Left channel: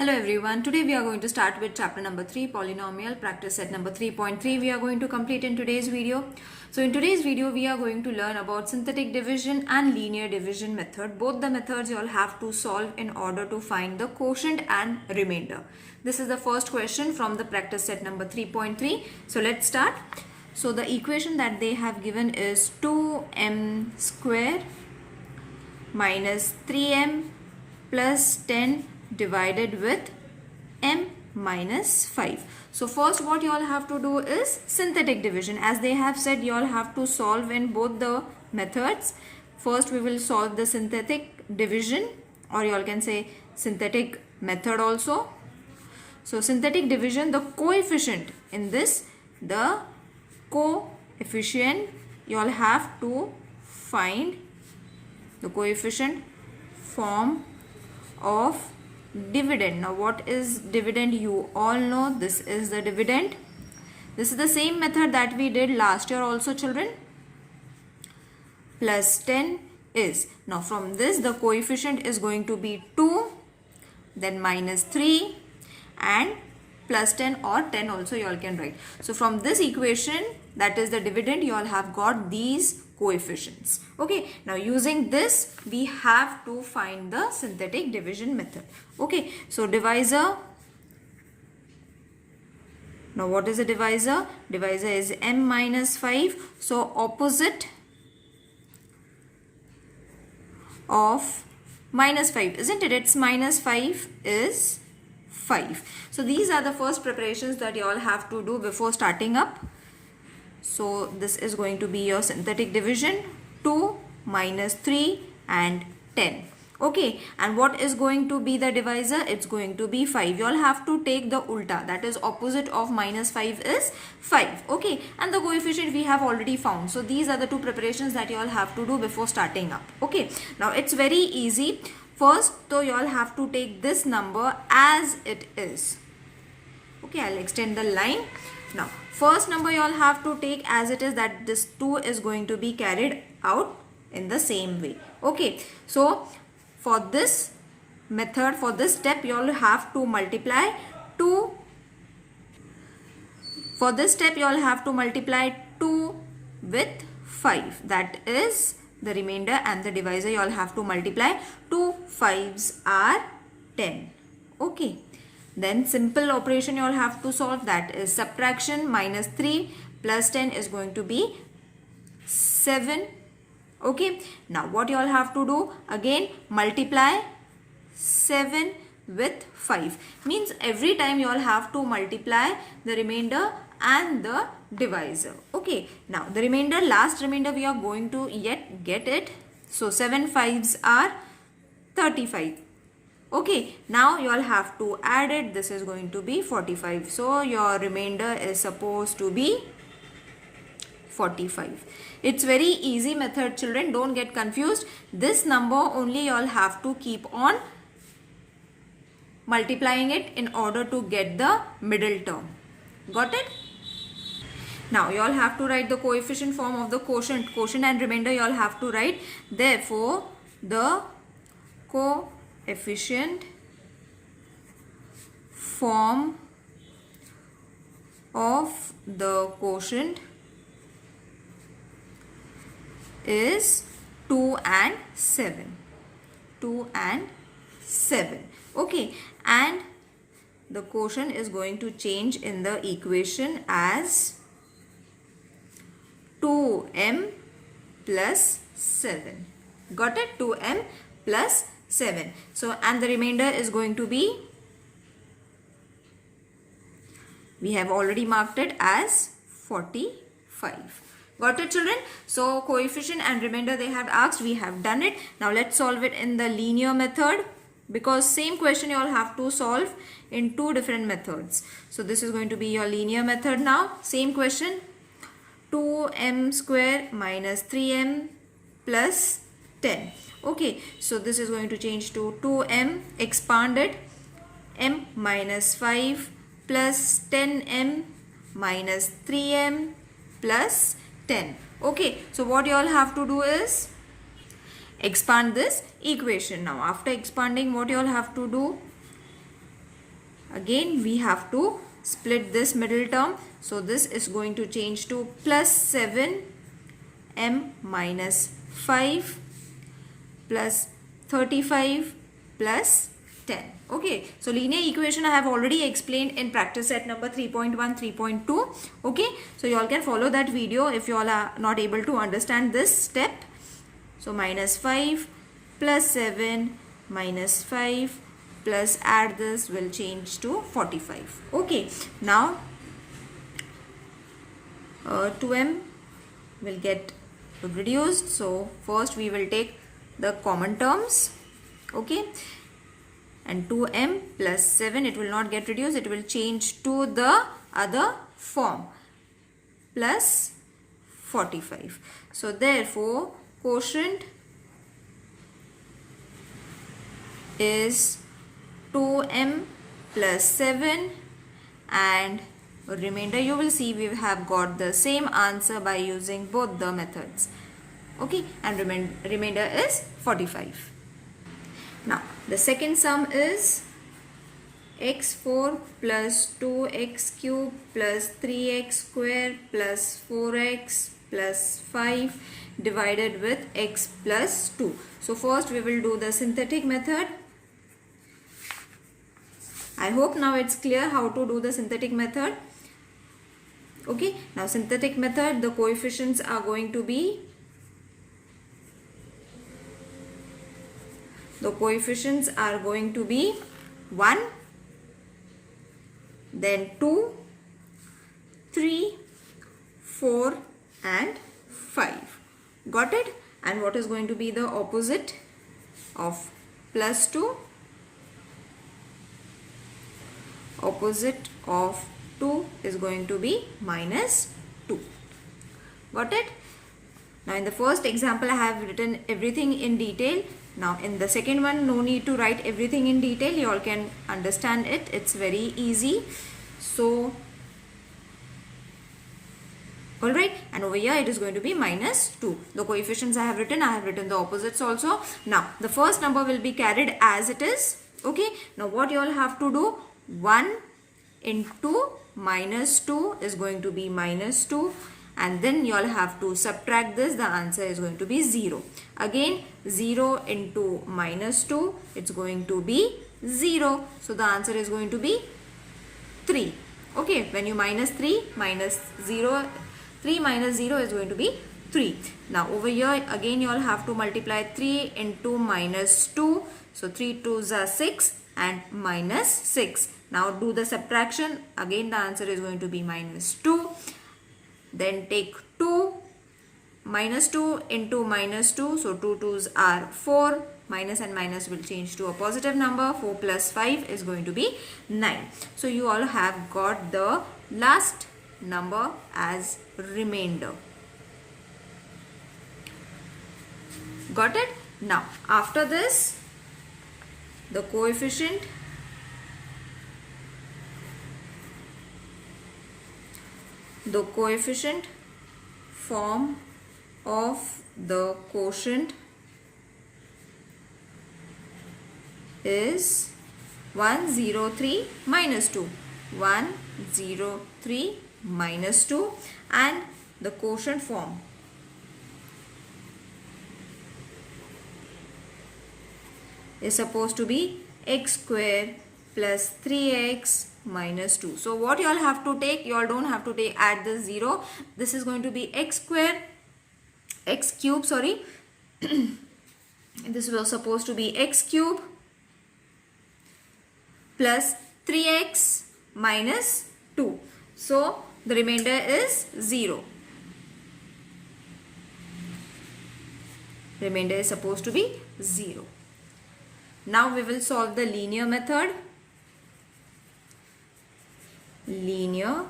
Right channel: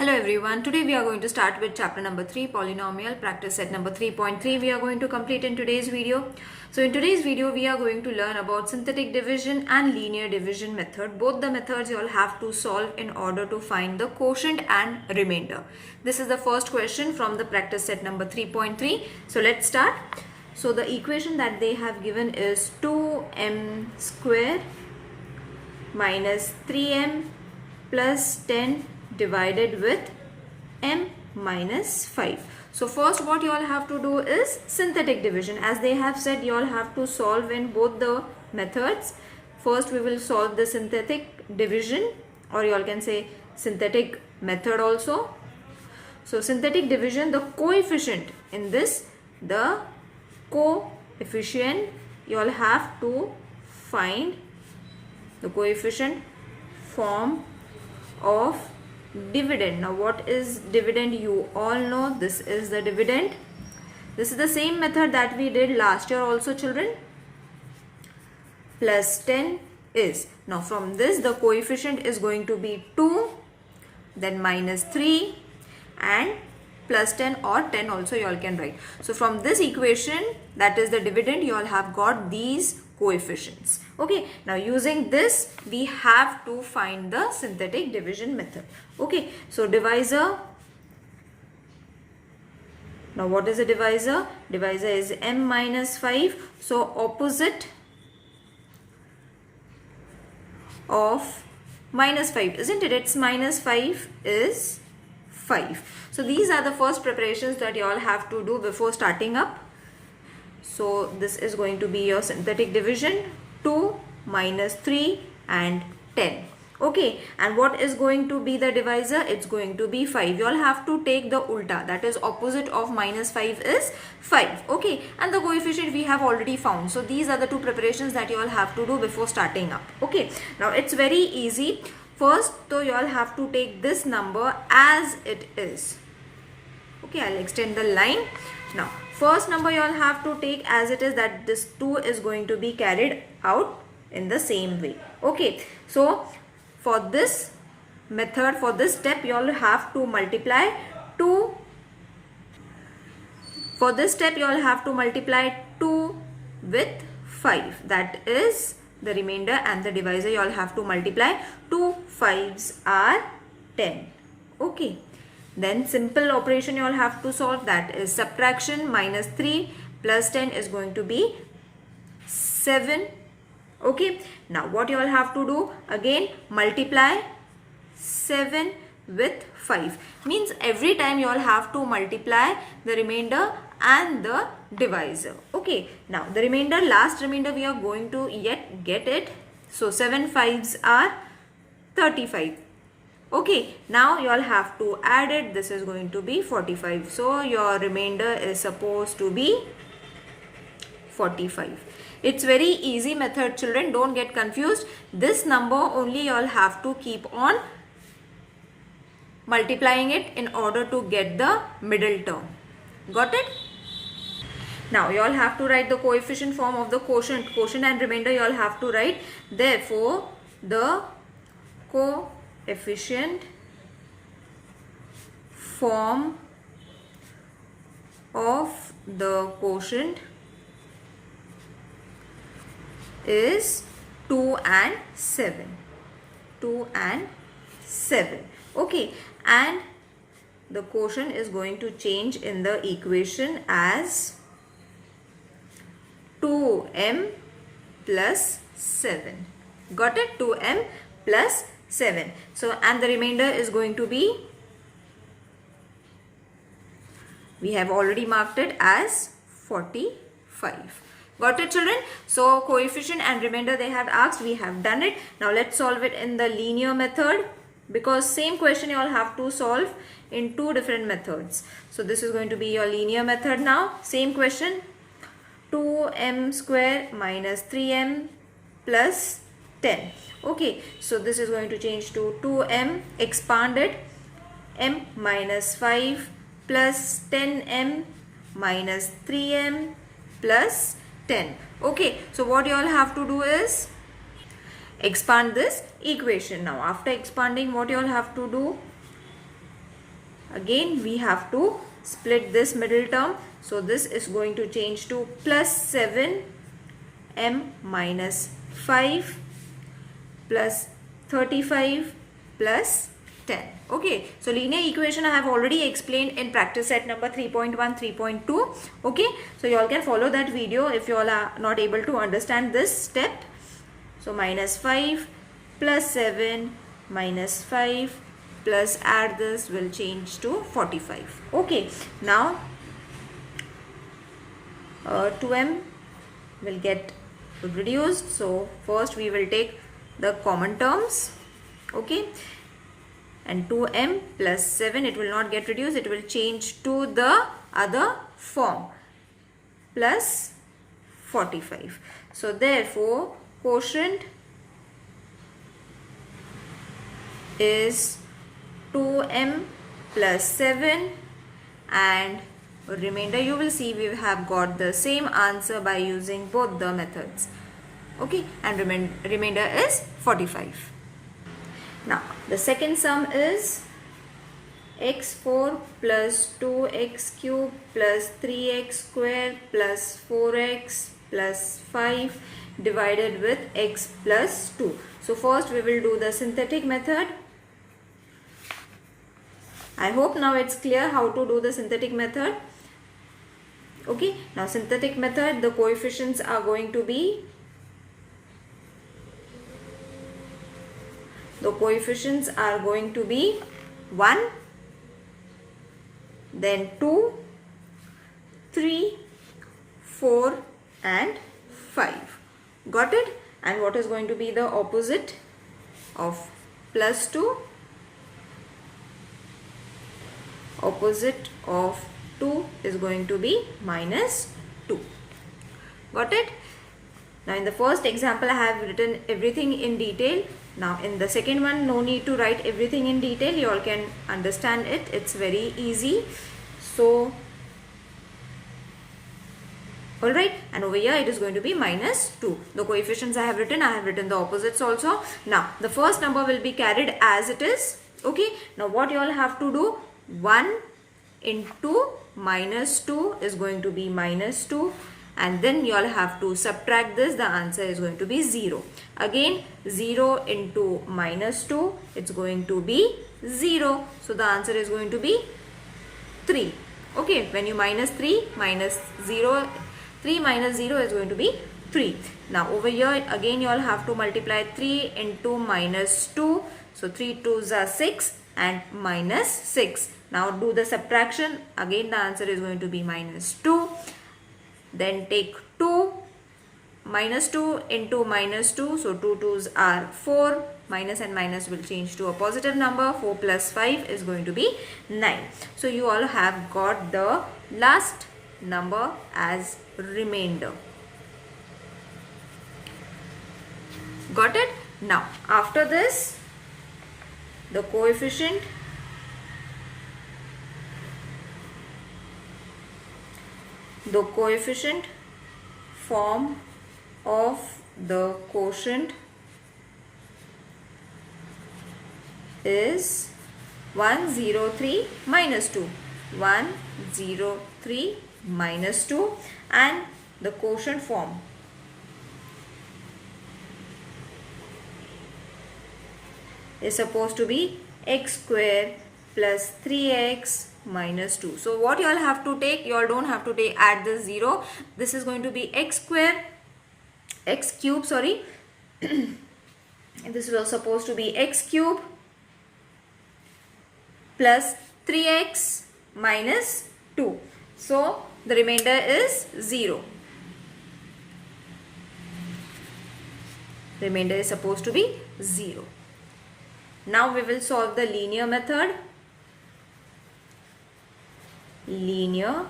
Hello everyone, today we are going to start with chapter number 3, polynomial, practice set number 3.3 we are going to complete in today's video. So in today's video we are going to learn about synthetic division and linear division method. Both the methods you all have to solve in order to find the quotient and remainder. This is the first question from the practice set number 3.3. So let's start. So the equation that they have given is 2m square minus 3m plus 10 divided with m minus 5. So first what you all have to do is synthetic division. As they have said, you all have to solve in both the methods. First we will solve the synthetic division, or you all can say synthetic method also. So synthetic division, the coefficient in this, the coefficient, you all have to find the coefficient form of dividend. Now what is dividend? You all know this is the dividend. This is the same method that we did last year also, children. Plus 10 is, now from this the coefficient is going to be 2, then minus 3 and plus 10 or 10 also you all can write. So from this equation, that is the dividend, you all have got these coefficients. Okay, now using this we have to find the synthetic division method. Okay, so divisor. Now what is a divisor? Divisor is m minus 5. So opposite of minus 5, isn't it? It's minus 5 is 5. So these are the first preparations that you all have to do before starting up. So this is going to be your synthetic division, 2 minus 3 and 10. Okay, and what is going to be the divisor? It's going to be 5. You all have to take the ulta, that is opposite of minus 5 is 5. Okay, and the coefficient we have already found. So these are the two preparations that you all have to do before starting up. Okay, now it's very easy. First, so you all have to take this number as it is. Okay, I'll extend the line. Now, first number you all have to take as it is, that this 2 is going to be carried out in the same way. Okay, so for this method, for this step, you all have to multiply 2. For this step, you all have to multiply 2 with 5. That is the remainder, and the divisor you all have to multiply. 2 5s are 10. Okay. Then simple operation you all have to solve, that is subtraction. Minus 3 plus 10 is going to be 7. Okay. Now what you all have to do? Again multiply 7 with 5. Means every time you all have to multiply the remainder and the divisor. Okay. Now the remainder, last remainder we are going to yet get it. So 7 5s are 35. Okay, now you all have to add it. This is going to be 45. So your remainder is supposed to be 45. It's very easy method, children. Don't get confused. This number only you all have to keep on multiplying it in order to get the middle term. Got it? Now you all have to write the coefficient form of the quotient. Quotient and remainder you all have to write. Therefore, the coefficient form of the quotient is 2 and 7. 2 and 7. Okay, and the quotient is going to change in the equation as 2m plus 7. Got it? 2m plus 7. So, and the remainder is going to be, we have already marked it as 45. Got it, children? So coefficient and remainder they have asked, we have done it. Now let's solve it in the linear method, because same question you all have to solve in two different methods. So this is going to be your linear method now. Same question, 2m square minus 3m plus 10. Okay, so this is going to change to 2m, expand it, m minus 5 plus 10m minus 3m plus 10. Okay, so what you all have to do is expand this equation. Now after expanding, what you all have to do? Again we have to split this middle term. So this is going to change to plus 7m minus 5 plus 35 plus 10. Okay, so linear equation I have already explained in practice set number 3.1, 3.2. Okay, so you all can follow that video if you all are not able to understand this step. So minus 5 plus 7 minus 5 plus add this will change to 45. Okay, now 2m will get reduced. So first we will take the common terms. Okay, and 2m plus 7, it will not get reduced, it will change to the other form, plus 45. So therefore quotient is 2m plus 7, and remainder you will see we have got the same answer by using both the methods. Okay, and remainder is 45. Now the second sum is x4 plus 2x cube plus 3x square plus 4x plus 5 divided with x plus 2. So first we will do the synthetic method. I hope now it's clear how to do the synthetic method. Okay, now synthetic method, the coefficients are going to be 1, then 2, 3, 4 and 5. Got it? And what is going to be the opposite of plus 2? Opposite of 2 is going to be minus 2. Got it? Now in the first example I have written everything in detail. Now in the second one, no need to write everything in detail. You all can understand it. It's very easy. So alright, and over here it is going to be minus 2. The coefficients I have written the opposites also. Now the first number will be carried as it is. Okay, now what you all have to do, 1 into minus 2 is going to be minus 2, and then you all have to subtract this. The answer is going to be 0. Again 0 into minus 2, it's going to be 0. So the answer is going to be 3. Okay, when you minus 3 minus 0, 3 minus 0 is going to be 3. Now over here again you all have to multiply 3 into minus 2. So 3 2s are 6 and minus 6. Now do the subtraction. Again the answer is going to be minus 2. Then take 2, minus 2 into minus 2. So 2 2s are 4. Minus and minus will change to a positive number. 4 plus 5 is going to be 9. So you all have got the last number as remainder. Got it? Now after this, the coefficient form of the quotient is 103 minus 2. 103 minus 2, and the quotient form is supposed to be x square plus 3x minus 2. So what you all have to take, you all don't have to take add the 0. This is going to be x square, x cube, sorry. And this was supposed to be x cube plus 3x minus 2. So the remainder is 0. Remainder is supposed to be 0. Now we will solve the linear method. Linear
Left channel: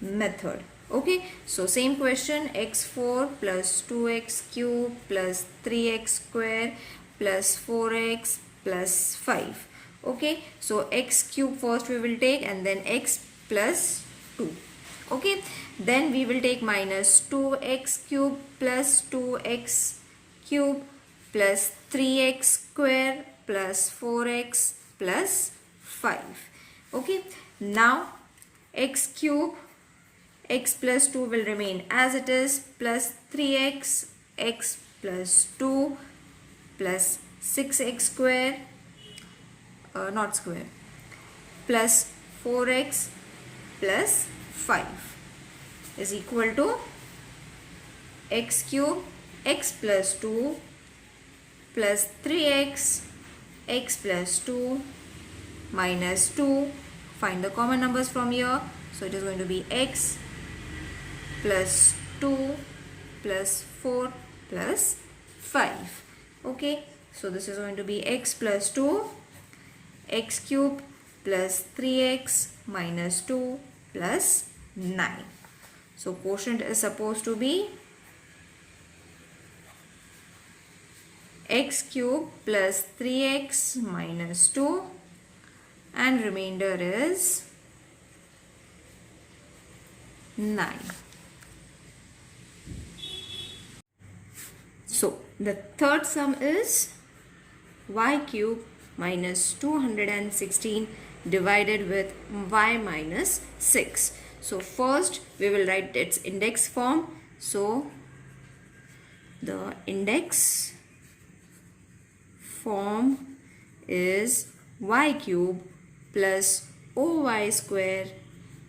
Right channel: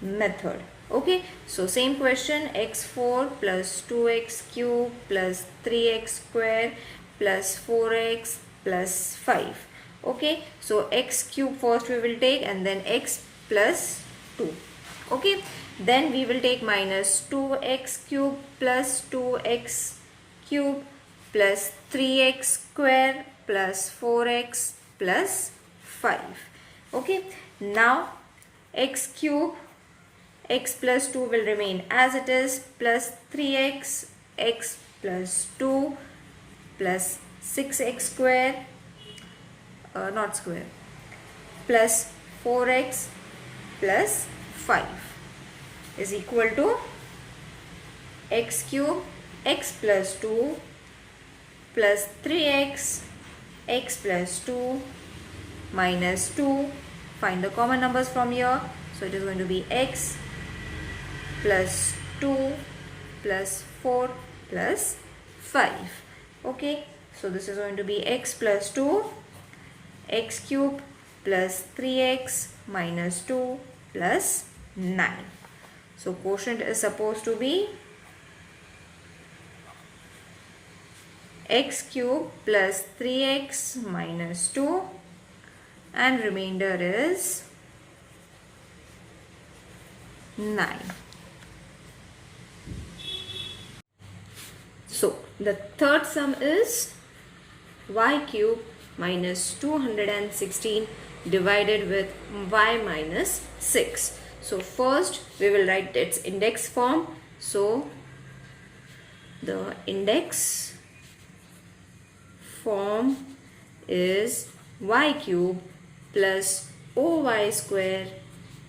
method. Okay, so same question, x4 plus 2x cube plus 3x square plus 4x plus 5. Okay, so x cube first we will take, and then x plus 2. Okay, then we will take minus 2x cube plus 2x cube plus 3x square plus 4x plus 5. Okay, now x cube, x plus 2 will remain as it is, plus 3x, x plus 2 plus 6x square, not square, plus 4x plus 5 is equal to x cube, x plus 2 plus 3x, x plus 2 minus 2. Find the common numbers from here. So it is going to be x plus 2 plus 4 plus 5. Okay, so this is going to be x plus 2, x cube plus 3x minus 2 plus 9. So quotient is supposed to be x cube plus 3x minus 2 and remainder is 9. So the third sum is y cube minus 216 divided with y minus 6. So first we will write its index form. So the index form is y cube plus oy square,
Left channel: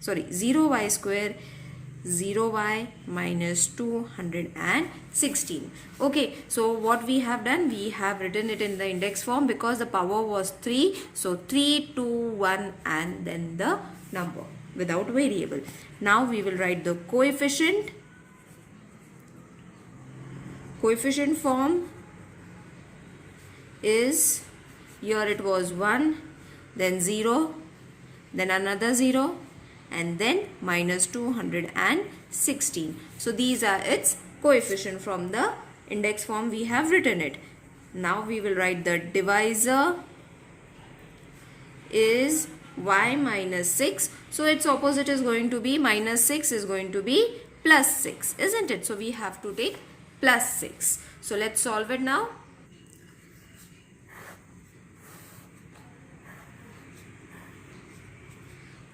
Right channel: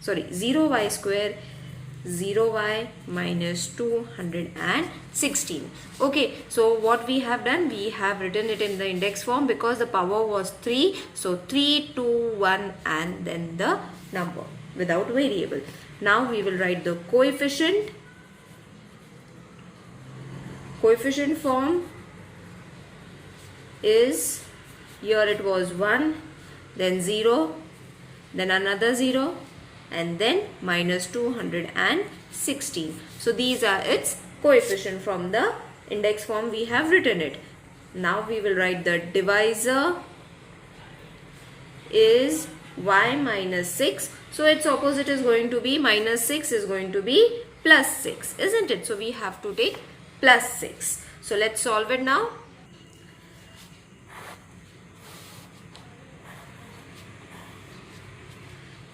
0y square, 0y minus 216. Okay, so what we have done, we have written it in the index form because the power was 3. So 3, 2, 1 and then the number without variable. Now we will write the coefficient. Coefficient form is, here it was 1, then 0, then another 0 and then minus 216. So these are its coefficient. From the index form we have written it. Now we will write the divisor is y minus 6. So its opposite is going to be minus 6 is going to be plus 6, isn't it? So we have to take plus 6. So let's solve it now.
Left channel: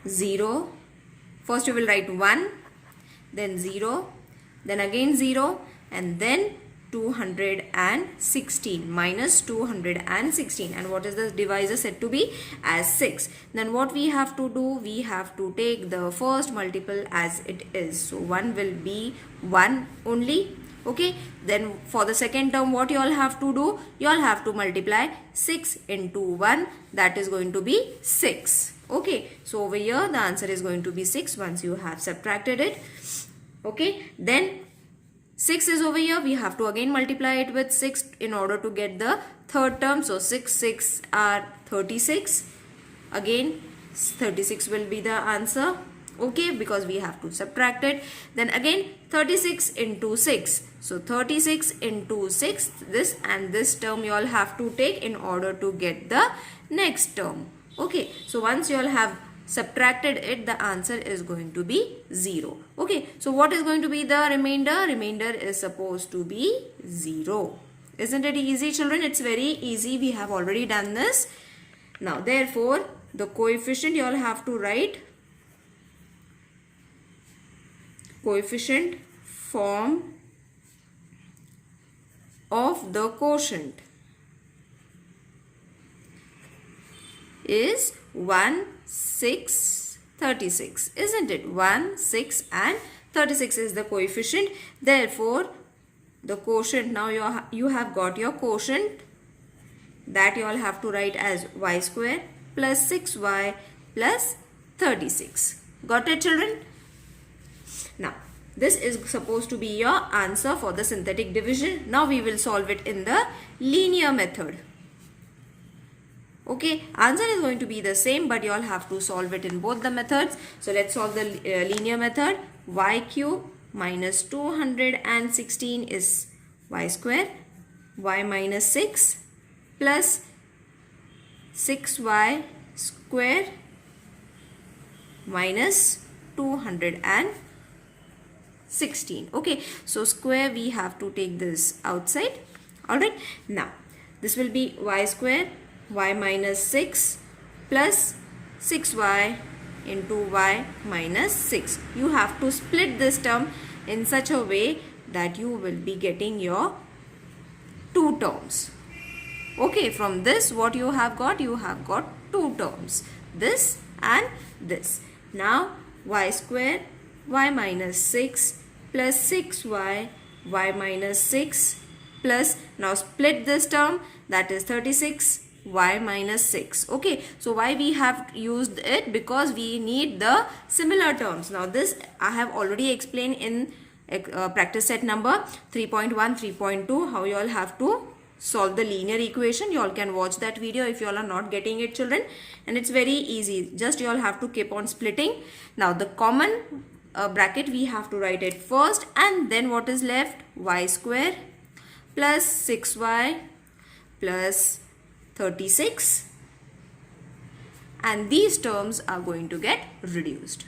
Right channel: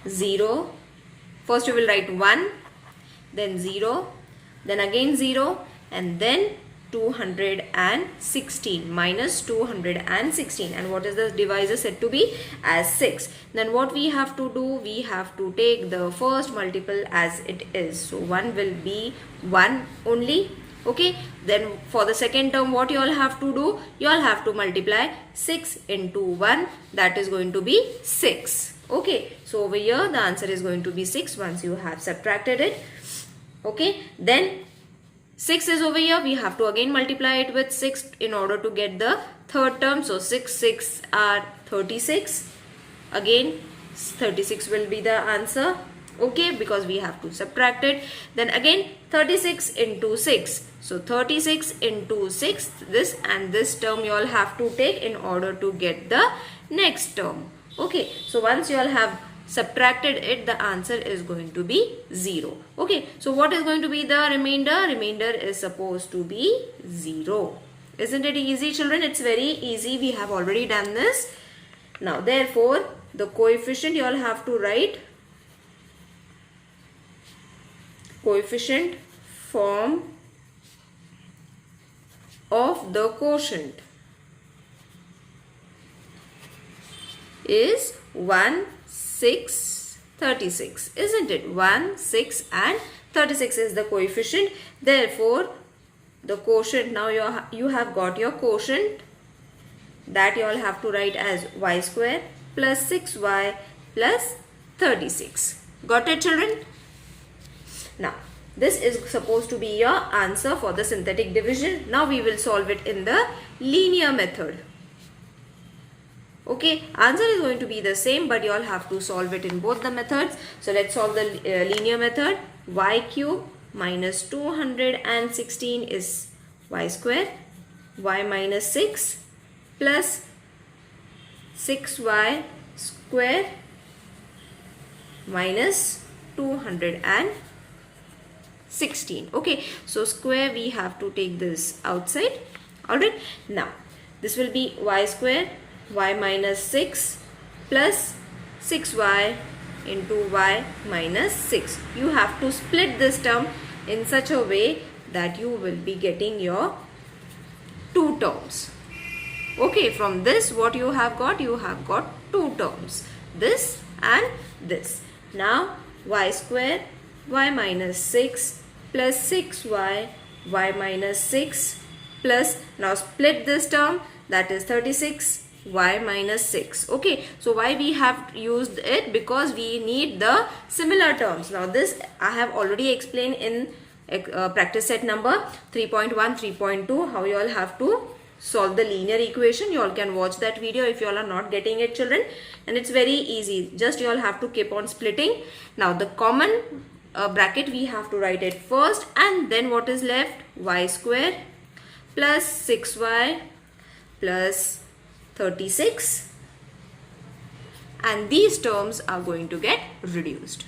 Zero. First we will write 1, then 0, then again 0 and then 216 minus 216. And what is the divisor said to be? As 6. Then what we have to do? We have to take the first multiple as it is. So 1 will be 1 only. Okay. Then for the second term what you all have to do? You all have to multiply 6 into 1. That is going to be 6. Okay. So over here the answer is going to be 6 once you have subtracted it. Okay. Then 6 is over here. We have to again multiply it with 6 in order to get the third term. So 6 are 36. Again 36 will be the answer. Okay, because we have to subtract it. Then again 36 into 6. So 36 into 6. This and this term you all have to take in order to get the next term. Okay, so once you all have subtracted it, the answer is going to be 0. Okay, so what is going to be the remainder? Remainder is supposed to be 0. Isn't it easy, children? It's very easy. We have already done this. Now, therefore, the coefficient you all have to write. Coefficient form of the quotient is 1, 6, 36, isn't it? 1, 6 and 36 is the coefficient. Therefore, the quotient, now you have got your quotient, that you all have to write as y square plus 6y plus 36. Got it, children? Now, this is supposed to be your answer for the synthetic division. Now we will solve it in the linear method. Okay, answer is going to be the same, but you all have to solve it in both the methods. So let's solve the linear method. Y cube minus 216 is y square. Y minus 6 plus 6y square minus 216. Okay, so square we have to take this outside. Alright, now this will be y square, y minus 6 plus 6y into y minus 6. You have to split this term in such a way that you will be getting your two terms. Okay, from this what you have got? You have got two terms, this and this. Now y square y minus 6 plus 6y y minus 6 plus, now split this term, that is 36 y minus 6. Okay, so why we have used it? Because we need the similar terms. Now this I have already explained in practice set number 3.1, 3.2, how you all have to solve the linear equation. You all can watch that video if you all are not getting it, children, and it's very easy. Just you all have to keep on splitting. Now the common bracket we have to write it first, and then what is left? Y square plus 6y plus 36, and these terms are going to get reduced.